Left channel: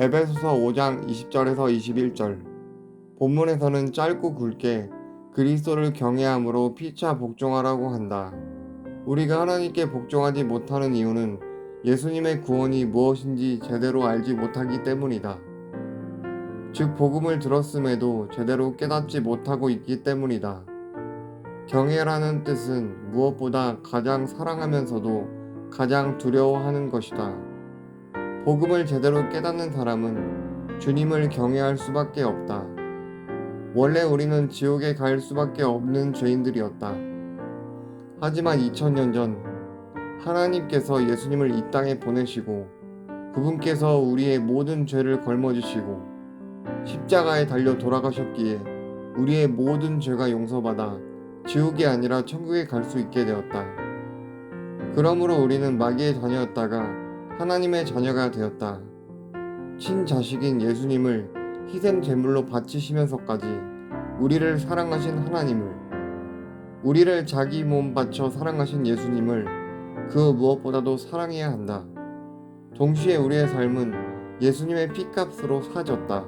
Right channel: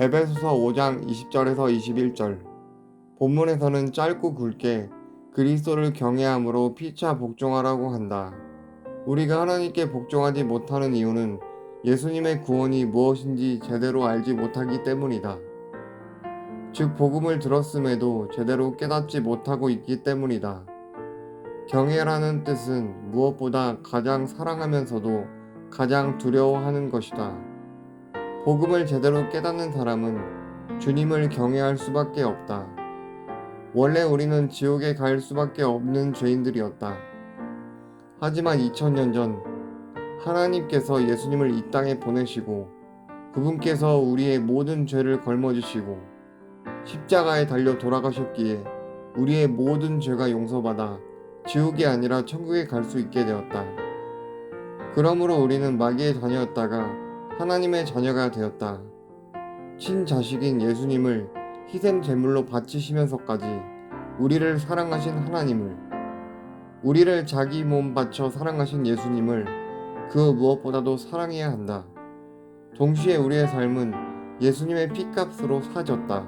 에베소서 5장 20절에서 21절. 본문에서는 짧고 굵게 그리스도를 경외함으로 피차 복종하라고 한다. 우리가 하나님께 복종하지 못하는 이유는 예수님의 구원이 무엇인지 제대로 알지 못하기 때문이다. 즉, 복음을 들었음에도 제대로 깨닫지 못하고 있기 때문이다. 경외라는 뜻은 무엇보다 가장 사랑하면서도 가장 두려워하는 것이다. 복음을 제대로 깨닫는 사람은 주님을 경외할 수밖에 없다. 원래 우리는 지옥에 갈 수밖에 없는 죄인들이었다. 하지만 2000년 전 하나님께서 예수님을 이 땅에 보내시고 그분께서 우리의 모든 죄를 걸머지시고 십자가에 달려 돌아가셨기에 우리의 모든 죄가 용서받아 지옥이 아니라 천국에 갈 수 있게 되었다. 그러므로 우리는 마귀의 자녀였다가 하나님의 자녀가 되었다. 친자식인 예수님을 희생 제물로 바치시면서까지 우리를 사랑하신 하나님을, 우리를 자기 몸 바쳐 사랑하신 예수님을 그 무엇보다도 사랑해야 한다. 동시에 우리의 삶은 예수님의 피값으로 사졌다.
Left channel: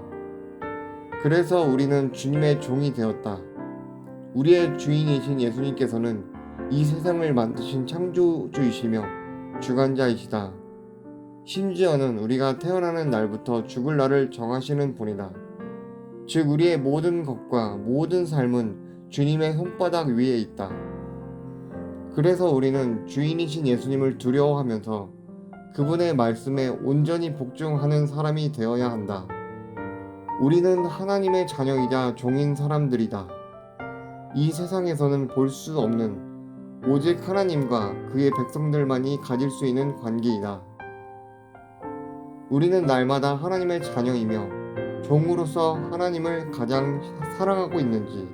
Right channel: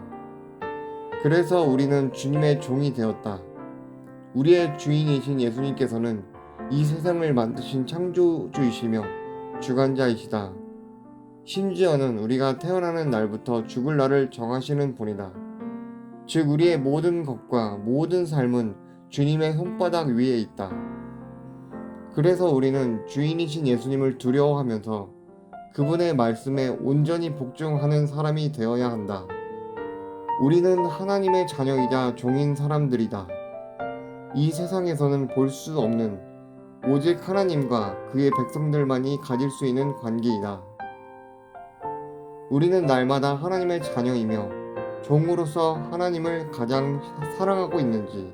그래서 우리는 주님의 종이 되었다. 우리의 주인이신 예수님께서는 이 세상을 만드신 창조주이시며 주관자이시다. 심지어는 우리가 태어나는 날부터 죽을 날을 정하시는 분이다. 즉, 우리의 모든 것과 모든 삶은 주님의 손바닥 위에 있다. 그래서 우리는 주인이신 예수님을 두려워하면서 그분의 말씀에 온전히 복종하는 사람이 되어야 한다. 우리는 하나님의 자녀이자 종인 사람들이다. 이 세상에서는 볼 수 없는 오직 하나님과 그의 백성들만이 가질 수 있는 관계이다. 우리는 날마다 하나님의 자녀이며 종으로서 하나님을 가장 사랑하고 있는지,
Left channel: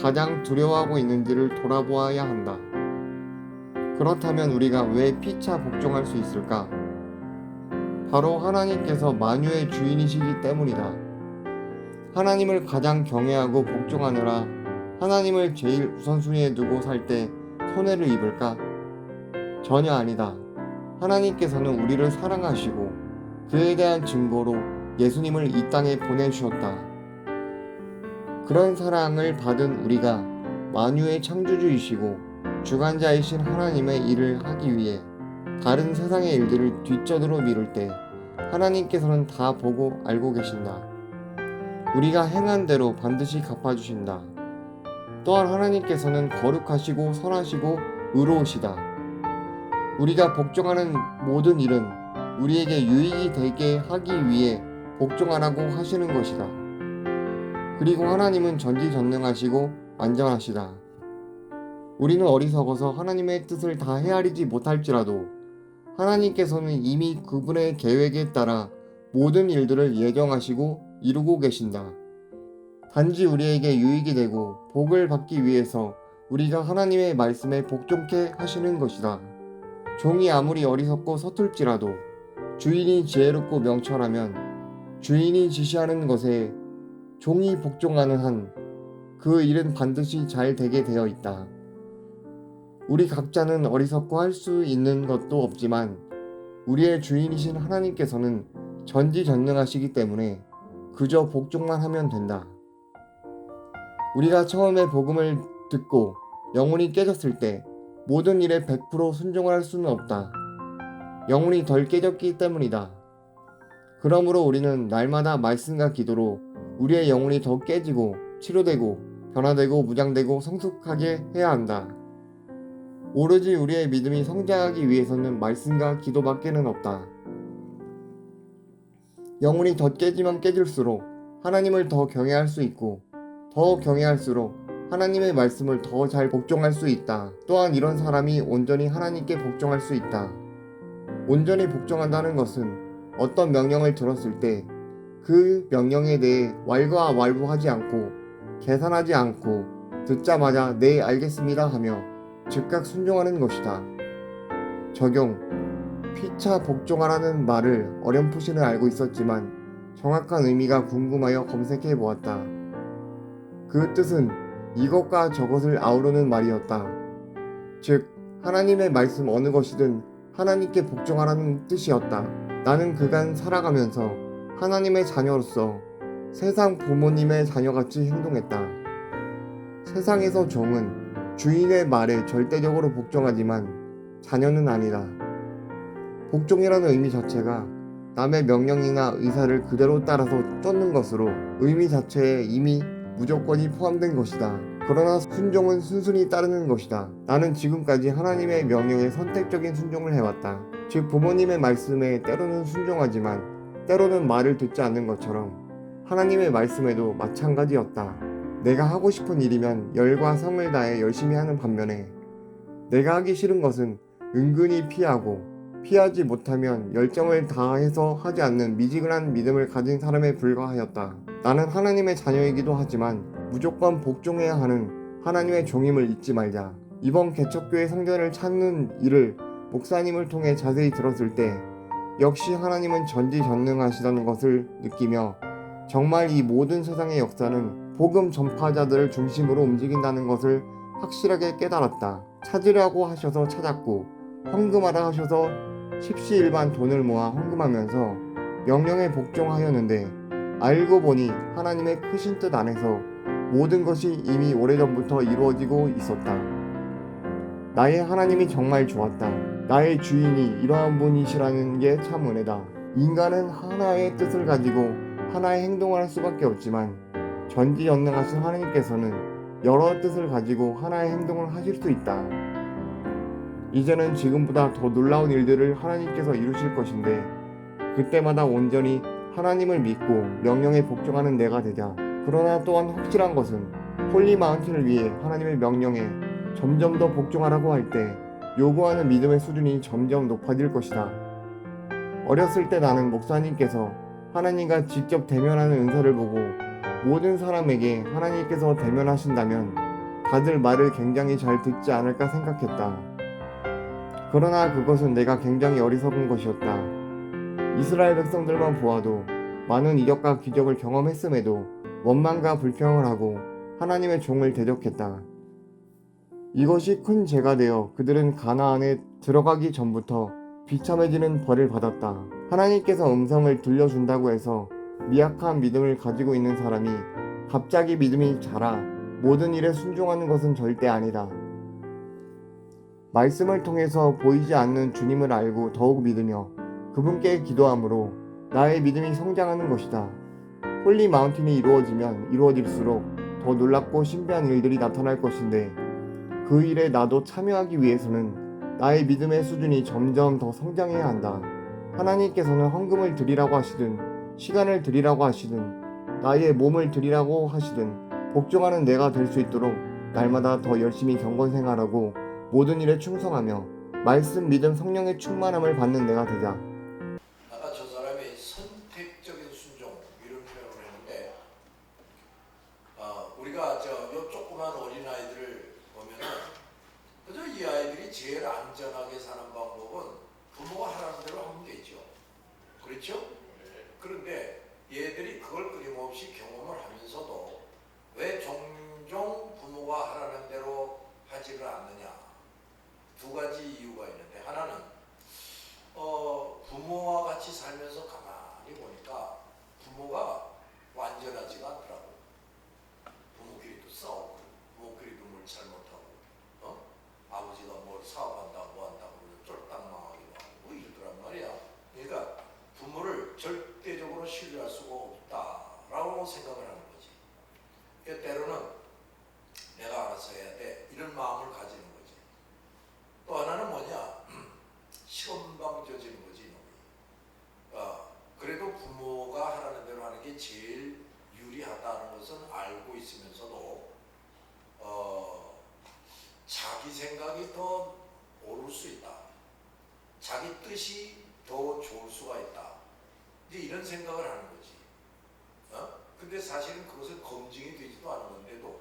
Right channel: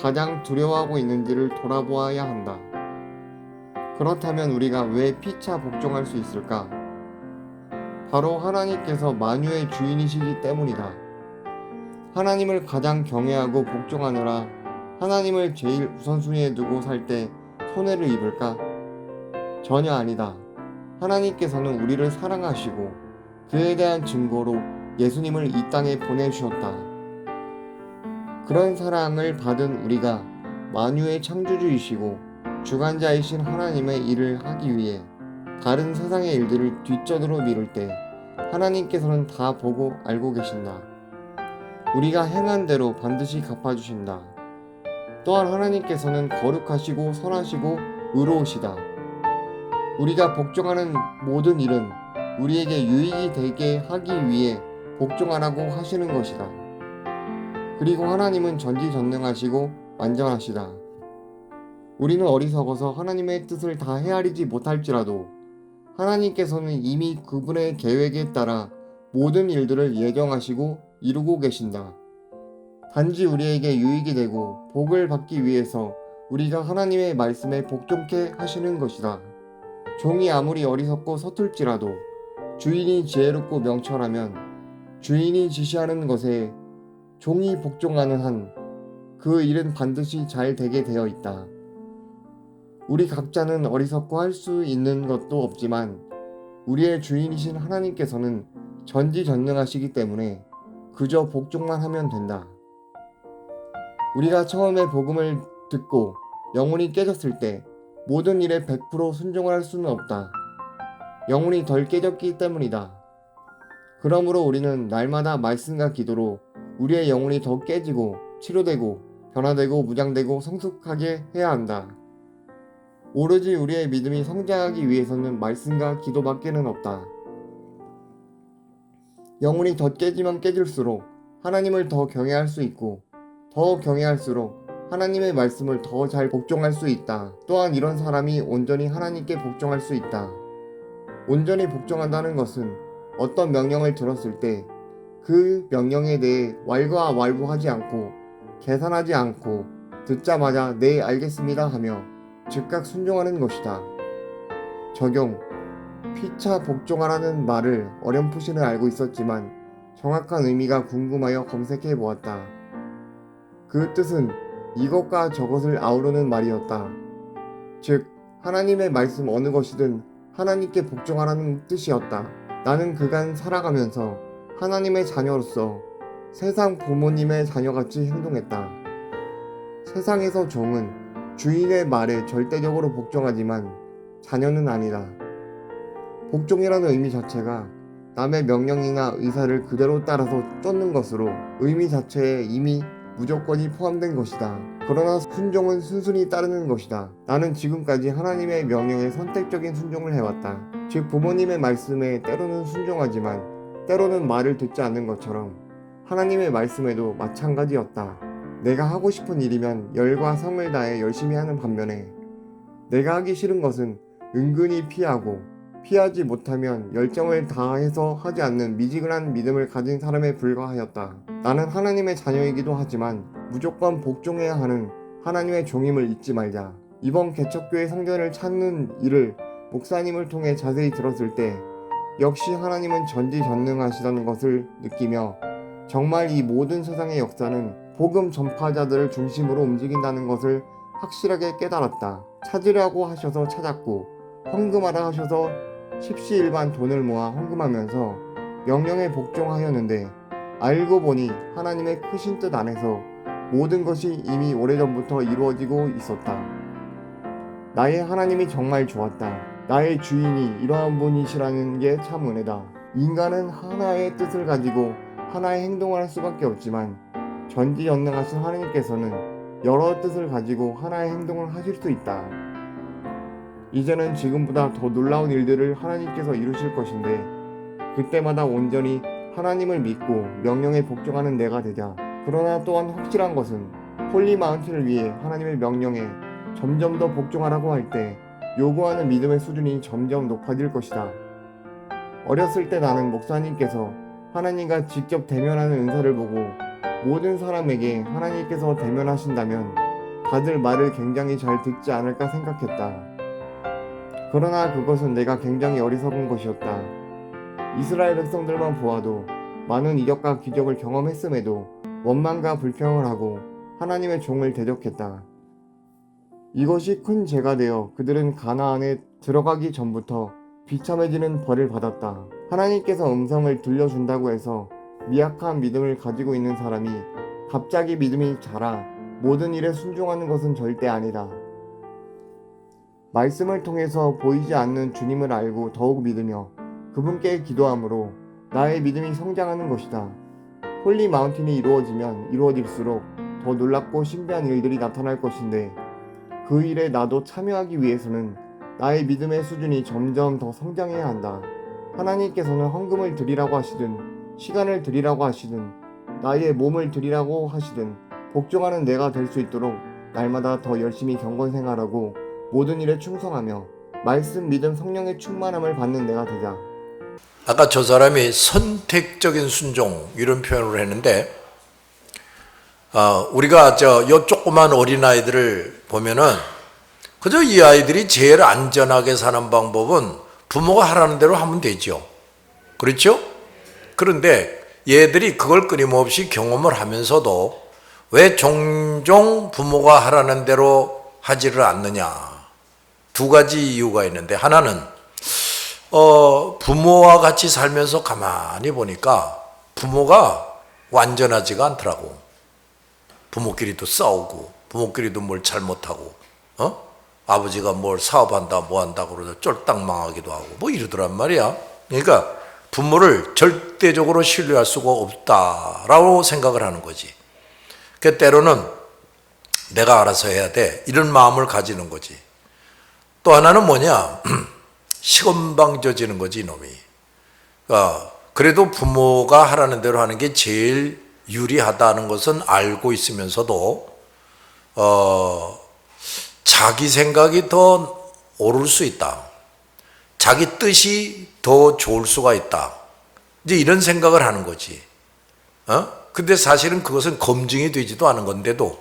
가장 두려워하고 있는지를 돌아보아야 한다. 그렇다면 우리가 왜 피차 복종할 수 있을까? 바로 하나님께서 만유의 주인이시기 때문이다. 하나님을 가장 경외하고 복종하느라 하나님을 제일 우선순위에 두고 살 때 손해를 입을까? 전혀 아니다. 하나님께서는 우리를 사랑하시고 그에 대한 증거로 예수님을 이 땅에 보내주셨다. 그런 사랑을 받은 우리가 만유의 창조주이시고 주관자이신 하나님의 일을 하기 위해 다른 세상의 일들을 뒷전으로 미룰 때 하나님께서는 다 보고 알고 계신다. 우리가 행한 대로 반드시 갚아주신다. 또한 하나님께서는 거룩하시고 선하시고 의로우시다. 우리가 복종하는 모든 일은 우리에게 유익이 되게 하기 위해 복종하라고 하시는 것이다. 그리고 하나님은 전지전능하시고 완전하시다. 우리는 어리석어서 하나님의 뜻을 다 헤아리지 못할지라도 하나님께서는 이미 그분의 계획에 따라 모든 일들을 예정하시고 이루고 계신다. 단지 우리에게 유익이 되고 복을 받기 위해서 우리가 하나님의 말씀에 복종케 하시는 것이다. 종이 아무리 어리석고 서툴지라도 주인이 지혜롭고 명철하면 주인이 지시하는 것에 종이 복종하는 한 그 일은 반드시 잘 되게 되어 있다. 우리 각자는 어리석고 할 수 있는 것도 없지만 우리의 주인이신 하나님께서는 전지전능하시기 때문에 그저 복종만 하면 된다. 우리가 처음에 복음을 듣고 영혼이 깨졌을 때 모든 일에 100% 순종할 수는 없다. 영혼이 덜 깨졌기 때문이다. 그러므로 우리는 날마다 말씀과 기도로 우리의 영혼이 더 깨지고 치료되고 변화되고 무장되고 성숙하게 해야 한다. 오로지 우리의 믿음이 성장하기 위해서는 말씀과 기도밖에는 없다. 영혼이 더 깨지면 깨질수록 하나님을 더 경외할 수 있고 더 경외할수록 하나님의 말씀을 더 잘 복종할 수 있다. 또한 이런 사람이 온전히 하나님께 복종할 수 있다. 온전히 복종한다는 것은 어떤 명령을 들었을 때 그 명령에 대해 왈가왈부하지 않고 계산하지 않고 듣자마자 네 알겠습니다 하며 즉각 순종하는 것이다. 적용. 피차 복종하라는 말을 어렴풋이는 알고 있었지만 정확한 의미가 궁금하여 검색해 보았다. 그 뜻은 이것과 저것을 아우르는 말이었다. 즉, 하나님의 말씀 어느 것이든 하나님께 복종하라는 뜻이었다. 나는 그간 살아가면서 하나님의 자녀로서 세상 부모님의 자녀같이 행동했다. 세상에서 종은 주인의 말에 절대적으로 복종하지만 자녀는 아니다. 복종이라는 의미 자체가 남의 명령이나 의사를 그대로 따라서 쫓는 것으로 의미 자체에 이미 무조건이 포함된 것이다. 그러나 순종은 순순히 따르는 것이다. 나는 지금까지 하나님의 명령에 선택적인 순종을 해왔다. 즉 부모님의 말씀에 때로는 순종하지만 때로는 말을 듣지 않는 것처럼 하나님의 말씀에도 마찬가지였다. 내가 하고 싶은 일이면 열과 성을 다해 열심히 하는 반면에 내가 하기 싫은 것은 은근히 피하고 피하지 못하면 열정을 다해서 하지 않는 미지근한 믿음을 가진 사람에 불과하였다. 나는 하나님의 자녀이기도 하지만 무조건 복종해야 하는 하나님의 종임을 잊지 말자. 이번 개척교회 성전을 찾는 일을 목사님을 통해 자세히 들었을 때 역시 하나님은 전지전능하시다는 것을 느끼며 정말 이 모든 세상의 역사는 복음 전파자들을 중심으로 움직인다는 것을 확실하게 깨달았다. 찾으라고 하셔서 찾았고 헌금하라 하셔서 십시일반 돈을 모아 헌금하면서 명령에 복종하였는데 알고 보니 하나님의 크신 뜻 안에서 모든 것이 이미 오래전부터 이루어지고 있었다. 나의 하나님이 정말 좋았다. 나의 주인이 이러한 분이시라는 게 참 은혜다. 인간은 하나의 뜻을 가지고 하나의 행동을 할 수밖에 없지만 전지전능하신 하나님께서는 여러 뜻을 가지고 하나의 행동을 하실 수 있다. 이제는 지금보다 더 놀라운 일들을 하나님께서 이루실 것인데 그때마다 온전히 하나님을 믿고 명령에 복종하는 내가 되자. 그러나 또한 확실한 것은 홀리 마운틴을 위해 하나님의 명령에 점점 더 복종하라고 할 때 요구하는 믿음의 수준이 점점 높아질 것이다. 어렸을 때 나는 목사님께서 하나님과 직접 대면하는 은사를 보고 모든 사람에게 하나님께서 대면하신다면 다들 말을 굉장히 잘 듣지 않을까 생각했다. 그러나 그것은 내가 굉장히 어리석은 것이었다. 이스라엘 백성들만 보아도 많은 이적과 기적을 경험했음에도 원망과 불평을 하고 하나님의 종을 대적했다. 이것이 큰 죄가 되어 그들은 가나안에 들어가기 전부터 비참해지는 벌을 받았다. 하나님께서 음성을 들려준다고 해서 미약한 믿음을 가지고 있는 사람이 갑자기 믿음이 자라 모든 일에 순종하는 것은 절대 아니다. 말씀을 통해서 보이지 않는 주님을 알고 더욱 믿으며 그분께 기도함으로 나의 믿음이 성장하는 것이다. 홀리 마운틴이 이루어지면 이루어질수록 더 놀랍고 신비한 일들이 나타날 것인데 그 일에 나도 참여하기 위해서는 나의 믿음의 수준이 점점 더 성장해야 한다. 하나님께서는 헌금을 드리라고 하시든 시간을 드리라고 하시든 나의 몸을 드리라고 하시든 복종하는 내가 될 수 있도록 날마다 더 열심히 경건생활하고 모든 일에 충성하며 말씀, 믿음, 성령의 충만함을 받는 내가 되자. 아까 저 사람이 선택적인 순종 이런 표현을 했는데 우리가 요 조그만 어린아이들을 보면은 그저 이 아이들이 제일 안전하게 사는 방법은 부모가 하라는 대로 하면 되죠. 그렇죠? 그런데 얘들이 그걸 끊임없이 경험을 하면서도 왜 종종 부모가 하라는 대로 하지를 않느냐. 두 가지 이유가 있는데 하나는 부모와 같이 살면서 가만히 보니까 부모가 완전하지가 않더라고. 부모끼리도 싸우고 부모끼리도 뭘 잘못하고 아버지가 뭘 사업한다 뭐한다 그러다 쫄딱 망하기도 하고 뭐 이러더란 말이야. 그러니까 부모를 절대적으로 신뢰할 수가 없다라고 생각을 하는 거지. 그 때로는 내가 알아서 해야 돼 이런 마음을 가지는 거지. 또 하나는 뭐냐 시건방져지는 거지 이놈이. 그래도 부모가 하라는 대로 하는 게 제일 유리하다는 것은 알고 있으면서도 자기 생각이 더 옳을 수 있다. 자기 뜻이 더 좋을 수가 있다. 이제 이런 생각을 하는 거지. 근데 사실은 그것은 검증이 되지도 않은 건데도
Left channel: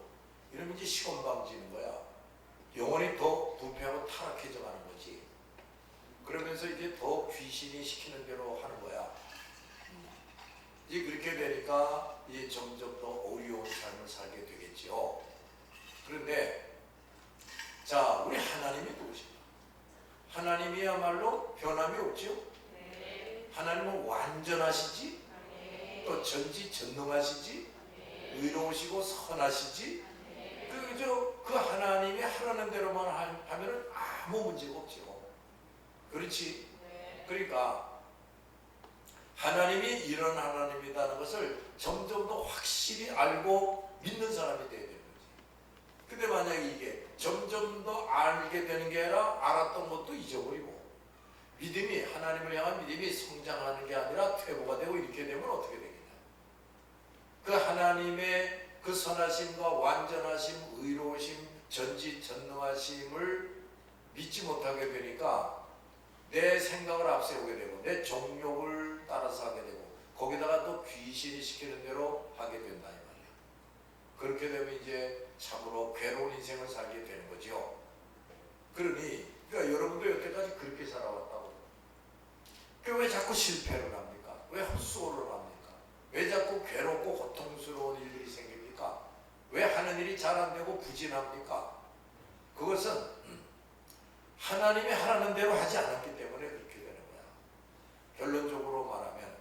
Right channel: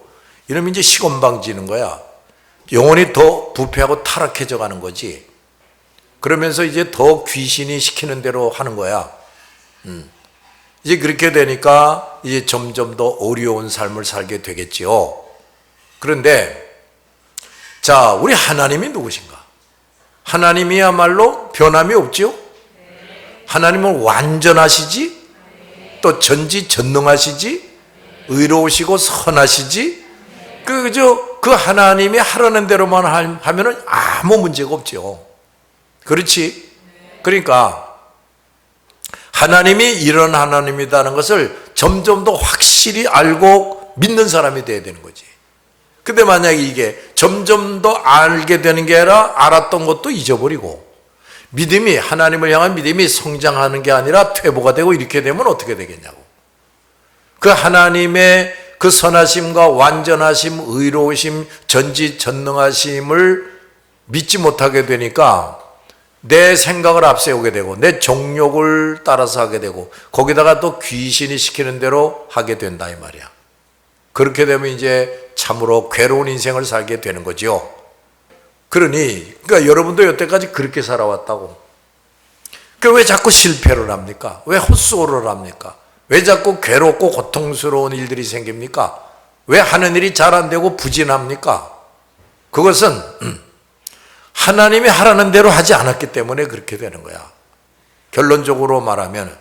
이러면 이제 시건방지는 거야. 영혼이 더 부패하고 타락해져 가는 거지. 그러면서 이제 더 귀신이 시키는 대로 하는 거야. 이제 그렇게 되니까 이제 점점 더 어려운 삶을 살게 되겠지요. 그런데 자, 우리 하나님이 누구신가? 하나님이야말로 변함이 없지요? 하나님은 완전하시지? 또 전지전능하시지, 의로우시고 선하시지. 그 하나님이 하라는 대로만 하면은 아무 문제가 없죠. 그렇지? 그러니까 하나님이 이런 하나님이라는 것을 점점 더 확실히 알고 믿는 사람이 돼야 되는 거지. 근데 만약에 이게 점점 더 알게 되는 게 아니라 알았던 것도 잊어버리고, 믿음이, 하나님을 향한 믿음이 성장하는 게 아니라 퇴보가 되고 이렇게 되면 어떻게 되겠냐고. 그 하나님의 그 선하심과 완전하심, 의로우심, 전지전능하심을 믿지 못하게 되니까 내 생각을 앞세우게 되고 내 정욕을 따라서 하게 되고 거기다가 또 귀신이 시키는 대로 하게 된다 이 말이야. 그렇게 되면 이제 참으로 괴로운 인생을 살게 되는 거죠. 그러니까 여러분도 여태까지 그렇게 살아왔다고. 왜 자꾸 실패를 합니까? 왜 헛수고를 합니까? 왜 자꾸 괴롭고 고통스러운 일들이 생깁니까? 왜 하는 일이 잘 안 되고 부진합니까? 그것은 하나님이 하라는 대로 하지 않았기 때문에 그렇게 되는 거야. 결론적으로 말하면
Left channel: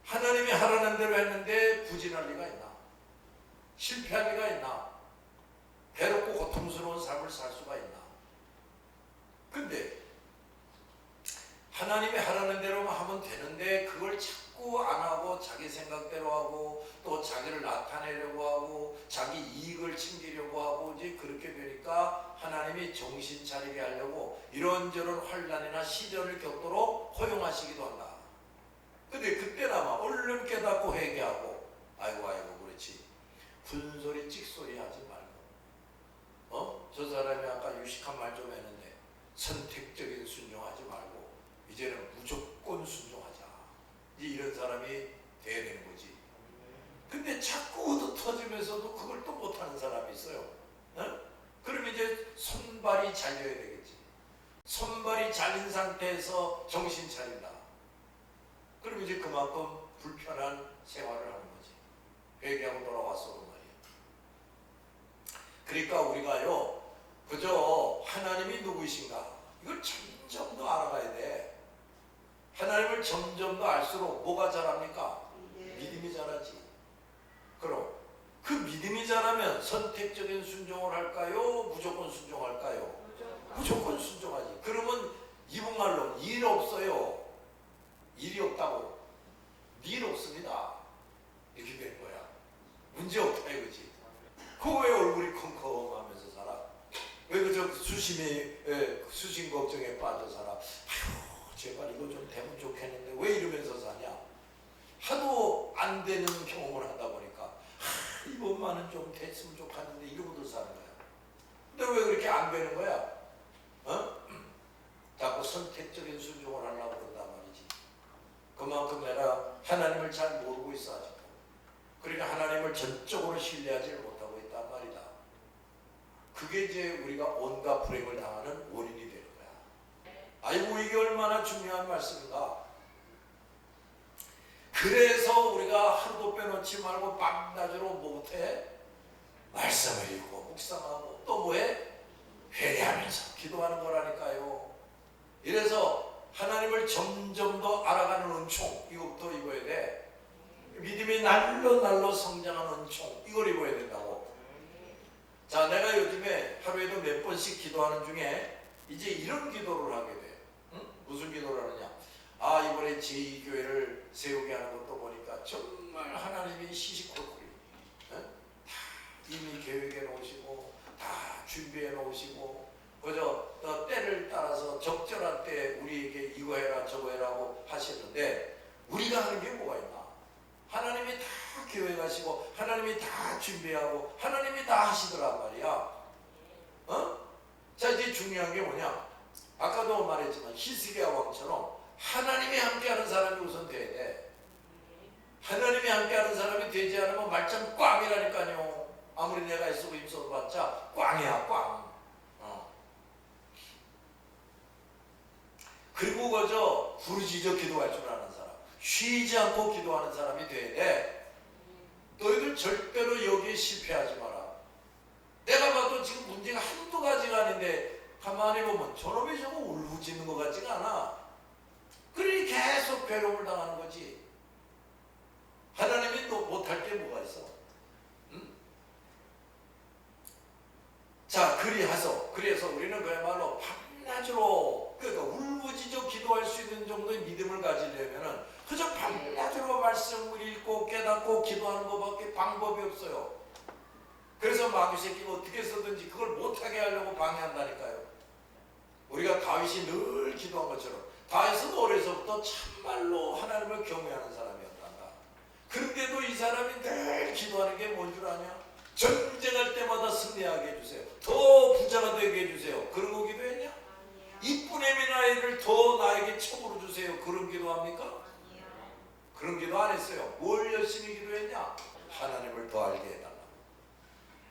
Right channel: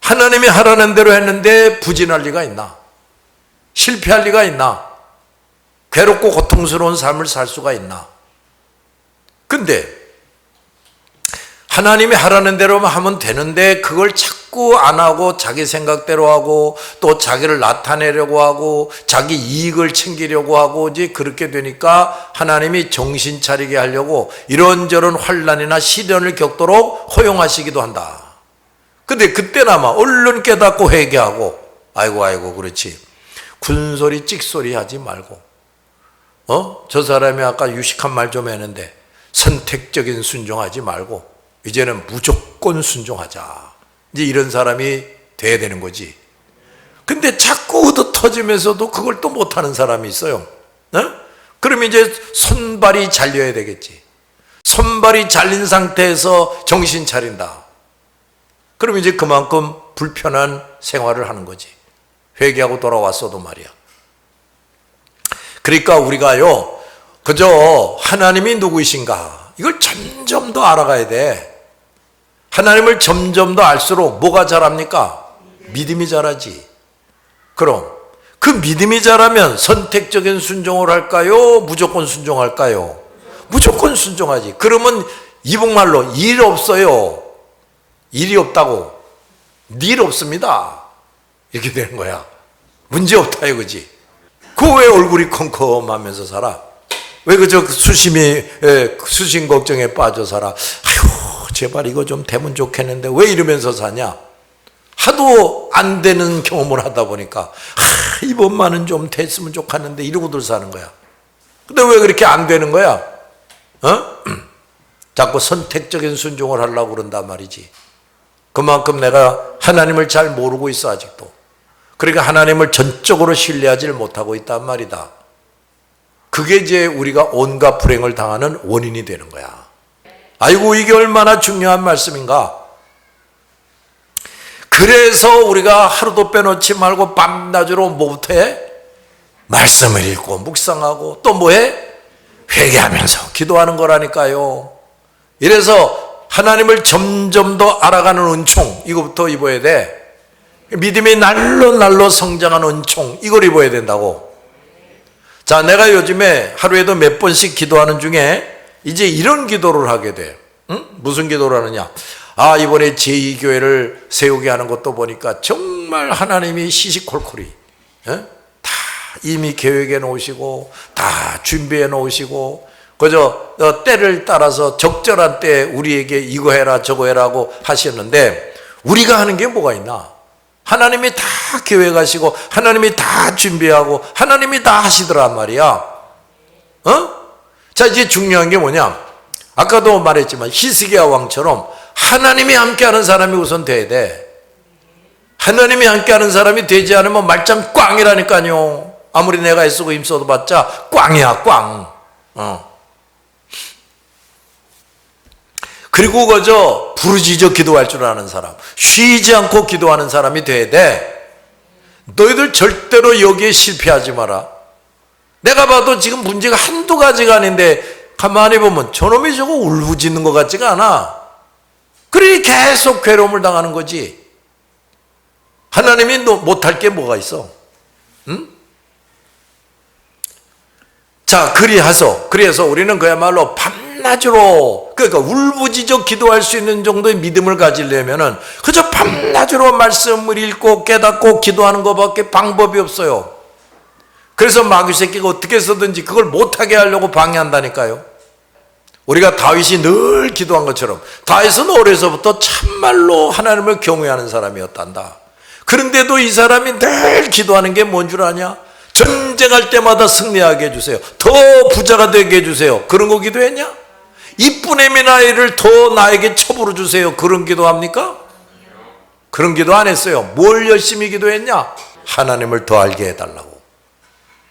하나님이 하라는 대로 했는데 부진할 리가 있나? 실패할 리가 있나? 괴롭고 고통스러운 삶을 살 수가 있나? 근데 하나님이 하라는 대로만 하면 되는데 그걸 자꾸 안 하고 자기 생각대로 하고 또 자기를 나타내려고 하고 자기 이익을 챙기려고 하고 이제 그렇게 되니까 하나님이 정신 차리게 하려고 이런저런 환난이나 시련을 겪도록 허용하시기도 한다. 근데 그때나마 얼른 깨닫고 회개하고 아이고 그렇지. 군소리 찍소리 하지 말고 저 사람이 아까 유식한 말 좀 했는데 선택적인 순종하지 말고 이제는 무조건 순종하자. 이제 이런 사람이 돼야 되는 거지. 근데 자꾸 얻어터지면서도 그걸 또 못하는 사람이 있어요. 그럼 이제 손발이 잘려야 되겠지. 손발이 잘린 상태에서 정신 차린다. 그럼 이제 그만큼 불편한 생활을 하는 거지. 회개하고 돌아왔어도 말이야. 그러니까 우리가요, 그저 하나님이 누구이신가 이걸 점점 더 알아가야 돼. 하나님을 점점 더 알수록 뭐가 자랍니까? 믿음이 자라지. 그럼 그 믿음이 자라면 선택적인 순종을 할까요? 무조건 순종할까요? 무조건 순종하지. 그러면 이북말로 일 없어요. 일이 없다고. 일 없습니다. 이렇게 되는 거야. 문제 없다 이거지. 그 왜 얼굴이 컴컴하면서 살아? 왜 그저 수심 걱정에 빠져 살아? 아휴, 제발 이거 좀 되면 좋겠는데 왜 이러면서 사냐? 하도 안 되는 경험을 하다 보니까 이번만은 좀 됐으면 좋겠는데 이러고들 사는 거야. 근데 왜 그렇게 안 되는 거야? 자꾸 선택적인 순종을 하려고 그런단 말이지. 그만큼 내가 하나님을 잘 모르고 있어 아직도. 그러니까 하나님을 전적으로 신뢰하지 못하고 있단 말이다. 그게 이제 우리가 온갖 불행을 당하는 원인이 되는 거야. 아이고 이게 얼마나 중요한 말씀인가. 그래서 우리가 하루도 빼놓지 말고 밤낮으로 뭐부터 해? 말씀을 읽고 묵상하고 또 뭐해? 회개하면서 기도하는 거라니까요. 이래서 하나님을 점점 더 알아가는 은총 이거부터 입어야 돼. 믿음이 날로 성장하는 은총 이걸 입어야 된다고. 자, 내가 요즘에 하루에도 몇 번씩 기도하는 중에 이제 이런 기도를 하게 돼. 무슨 기도를 하느냐? 이번에 제2교회를 세우게 하는 것도 보니까 정말 하나님이 시시콜콜이 다 이미 계획해 놓으시고 다 준비해 놓으시고 그저 때를 따라서 적절한 때에 우리에게 이거 해라 저거 해라고 하셨는데 우리가 하는 게 뭐가 있나? 하나님이 다 계획하시고 하나님이 다 준비하고 하나님이 다 하시더란 말이야. 자, 이제 중요한 게 뭐냐? 아까도 말했지만 히스기야 왕처럼 하나님이 함께하는 사람이 우선 돼야 돼. 하나님이 함께하는 사람이 되지 않으면 말짱 꽝이라니까요. 아무리 내가 애쓰고 힘써도 봤자 꽝이야 꽝. 그리고 그저 부르짖어 기도할 줄 아는 사람, 쉬지 않고 기도하는 사람이 돼야 돼. 너희들 절대로 여기에 실패하지 마라. 내가 봐도 지금 문제가 한두 가지가 아닌데 가만히 보면 저놈이 저거 울부짖는 것 같지가 않아. 그러니 계속 괴로움을 당하는 거지. 하나님이 못할 게 뭐가 있어? 응? 자, 그래서 우리는 그야말로 밤낮으로, 그러니까 울부짖어 기도할 수 있는 정도의 믿음을 가지려면은 그저 밤낮으로 말씀을 읽고 깨닫고 기도하는 것밖에 방법이 없어요. 그래서 마귀 새끼가 어떻게 해서든지 그걸 못하게 하려고 방해한다니까요. 우리가 다윗이 늘 기도한 것처럼, 다윗은 어려서부터 참말로 하나님을 경외하는 사람이었단다. 그런데도 이 사람이 늘 기도하는 게 뭔 줄 아냐? 전쟁할 때마다 승리하게 해주세요. 더 부자가 되게 해주세요. 그런 거 기도했냐? 이쁜 애미 나이를 더 나에게 첩으로 주세요. 그런 기도합니까? 그런 기도 안 했어요. 뭘 열심히 기도했냐? 하나님을 더 알게 해달라고.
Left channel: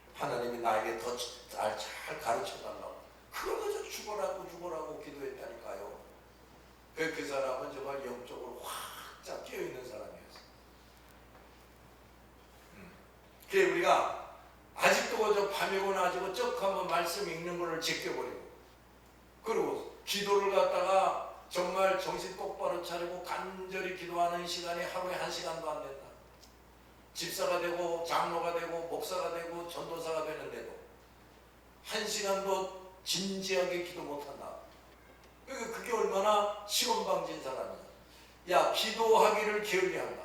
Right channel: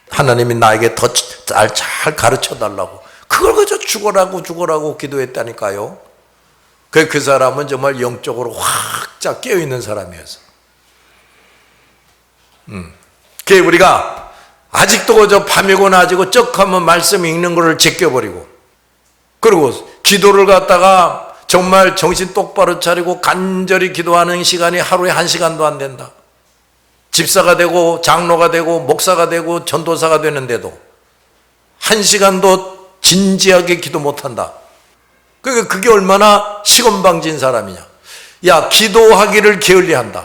하나님이 나에게 더 잘 가르쳐 달라고. 그걸 그저 죽어라고 기도했다니까요. 그 사람은 정말 영적으로 확 깨어있는 사람이었어. 그게 우리가 아직도 그저 밤이고 낮이고 쩍하면 말씀 읽는 거를 제껴버리고, 그리고 기도를 갖다가 정말 정신 똑바로 차리고 간절히 기도하는 시간이 하루에 1시간도 안 된다. 집사가 되고 장로가 되고 목사가 되고 전도사가 되는데도 1시간도 진지하게 기도 못한다. 그러니까 그게 얼마나 시건방진 사람이냐. 야, 기도하기를 게을리한다.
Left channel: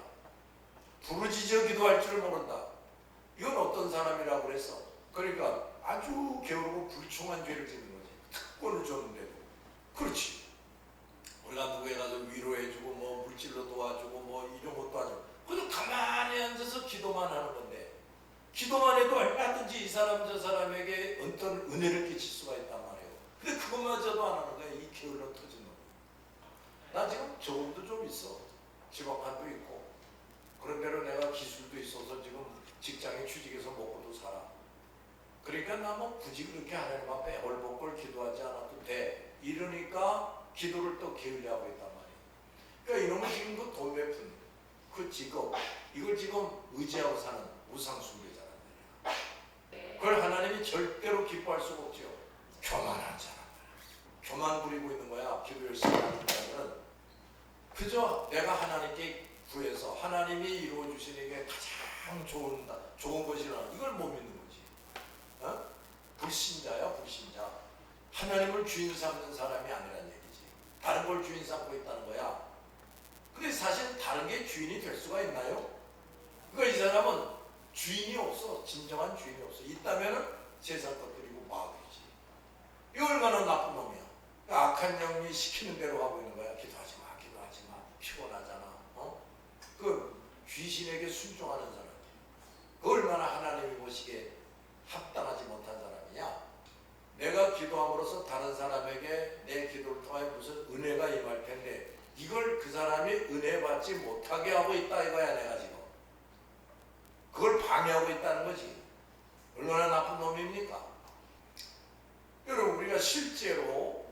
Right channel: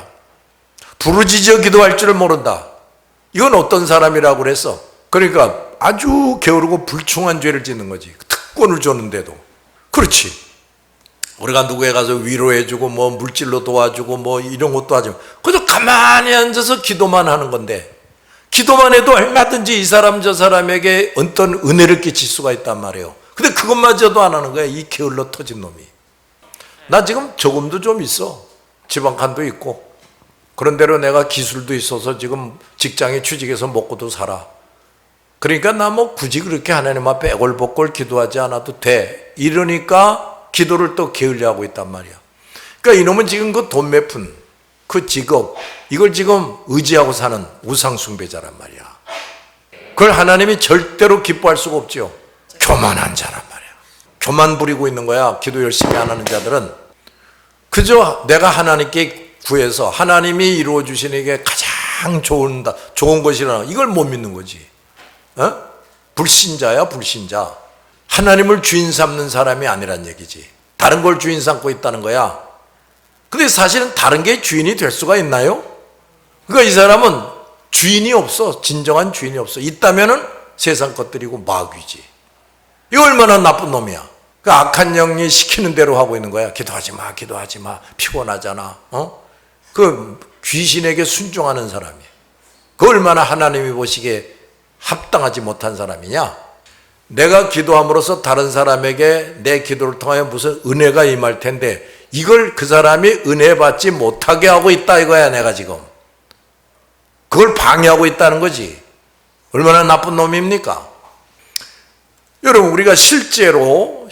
부르짖어 기도할 줄을 모른다. 이건 어떤 사람이라고 그랬어? 그러니까 아주 게으르고 불충한 죄를 짓는 거지. 특권을 줬는데도. 그렇지. 우리가 누구에 가서 위로해주고 뭐 물질로 도와주고 뭐 이런 것도 하지, 그저 가만히 앉아서 기도만 하는 건데, 기도만 해도 얼마든지 이 사람 저 사람에게 어떤 은혜를 끼칠 수가 있단 말이에요. 근데 그것마저도 안 하는 거야, 이 게을러 터진 놈이. 나 지금 적음도 좀 있어. 지방간도 있고. 그런대로 내가 기술도 있어서 지금 직장에 취직해서 먹고도 살아. 그러니까 나 뭐 굳이 그렇게 하나님 앞에 애걸복걸 기도하지 않아도 돼. 이러니까 기도를 또 게을리하고 있단 말이야. 그러니까 이놈은 지금 그 돈 몇 푼, 그 직업, 이걸 지금 의지하고 사는 우상숭배자란 말이야. 그걸 하나님이 절대로 기뻐할 수가 없죠. 교만한 자란 말이야. 교만 부리고 있는 거야. 기도 열심히 안 하는 자들은. 그저 내가 하나님께 구해서 하나님이 이루어 주시는 게 가장 좋은 것이라, 이걸 못 믿는 거지. 어? 불신자야, 불신자. 하나님을 주인 삼는 사람이 아니란 얘기지. 다른 걸 주인 삼고 있다는 거야. 근데 사실은 다른 게 주인이 될 수가 있나요? 그러니까 이 사람은 주인이 없어. 진정한 주인이 없어. 있다면은 세상 것들이고 마귀지. 이거 얼마나 나쁜 놈이야. 그 악한 영이 시키는 대로 하고 있는 거야. 기도하지 마, 기도하지 마. 피곤하잖아. 그 귀신에게 순종하는 사람이야. 그 얼마나 하나님이 보시기에 합당하지 못한 사람이냐. 내가 기도함으로써 다른 사람에게 내 기도를 통하여 무슨 은혜가 임할 텐데, 이걸 그 사람이 은혜 받지 못하게 하고 있다 이거야. 내가 지금 그걸 방해하고 있다는 거지. 얼마나 나쁜 놈입니까? 여러분, 우리가 실제로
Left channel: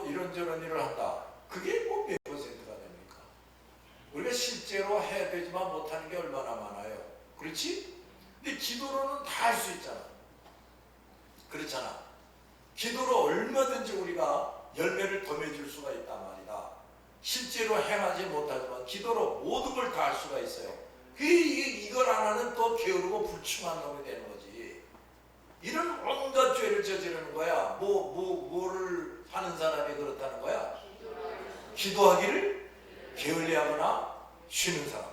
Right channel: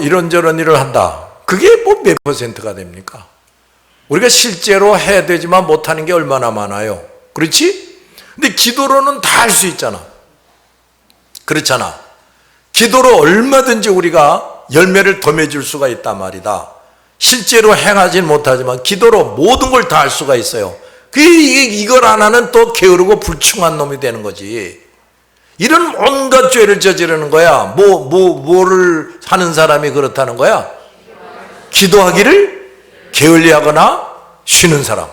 이런저런 일을 한다. 그게 뭐 몇 퍼센트가 됩니까? 우리가 실제로 해야 되지만 못하는 게 얼마나 많아요. 그렇지? 근데 기도로는 다 할 수 있잖아. 그렇잖아. 기도로 얼마든지 우리가 열매를 더 맺을 수가 있단 말이다. 실제로 행하진 못하지만 기도로 모든 걸 다 할 수가 있어요. 이걸 안 하는 또 게으르고 불충한 놈이 되는 거지. 이런 온갖 죄를 저지르는 거야. 뭐를 하는 사람이 그렇다는 거야? 기도하기를 게을리하거나 쉬는 사람.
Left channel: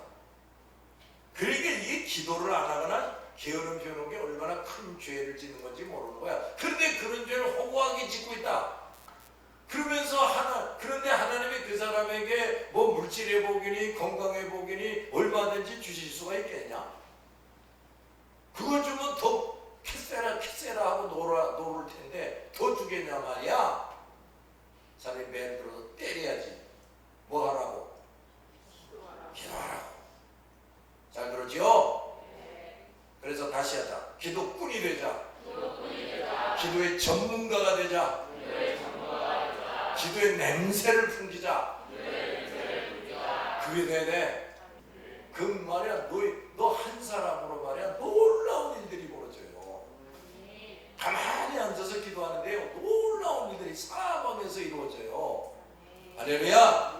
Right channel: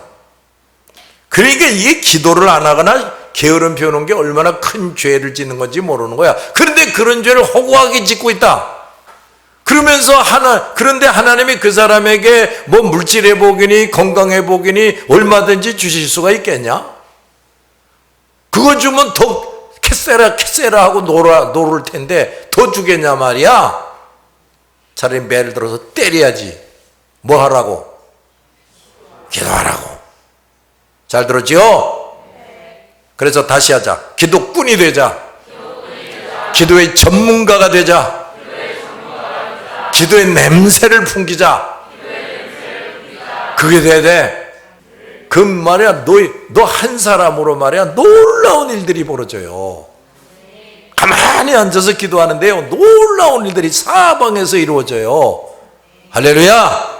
그러니까 이게 기도를 안 하거나 게으름 피우는 게 얼마나 큰 죄를 짓는 건지 모르는 거야. 그런데 그런 죄를 허구하게 짓고 있다. 그런데 하나님이 그 사람에게 뭐 물질 회복이니 건강 회복이니 얼마든지 주실 수가 있겠냐? 그거 주면 더 캐세라 하고 노를 텐데 더 주겠냐 말이야. 차라리 매를 들어서 때려야지. 뭐 하라고? 기도하라고. 잘 들었지요? 그래서 다시 하자. 기도꾼이 되자. 기도의 전문가가 되자. 기도의 냄새를 풍기자. 그게 돼야 돼. 그 말이야, 너 한 사람으로 말이야 놀라운 일들이 벌어져요. 가만히 앉아서 기도하는데요, 놀라운 일들이 사방에서 이루어져요. 할렐루야.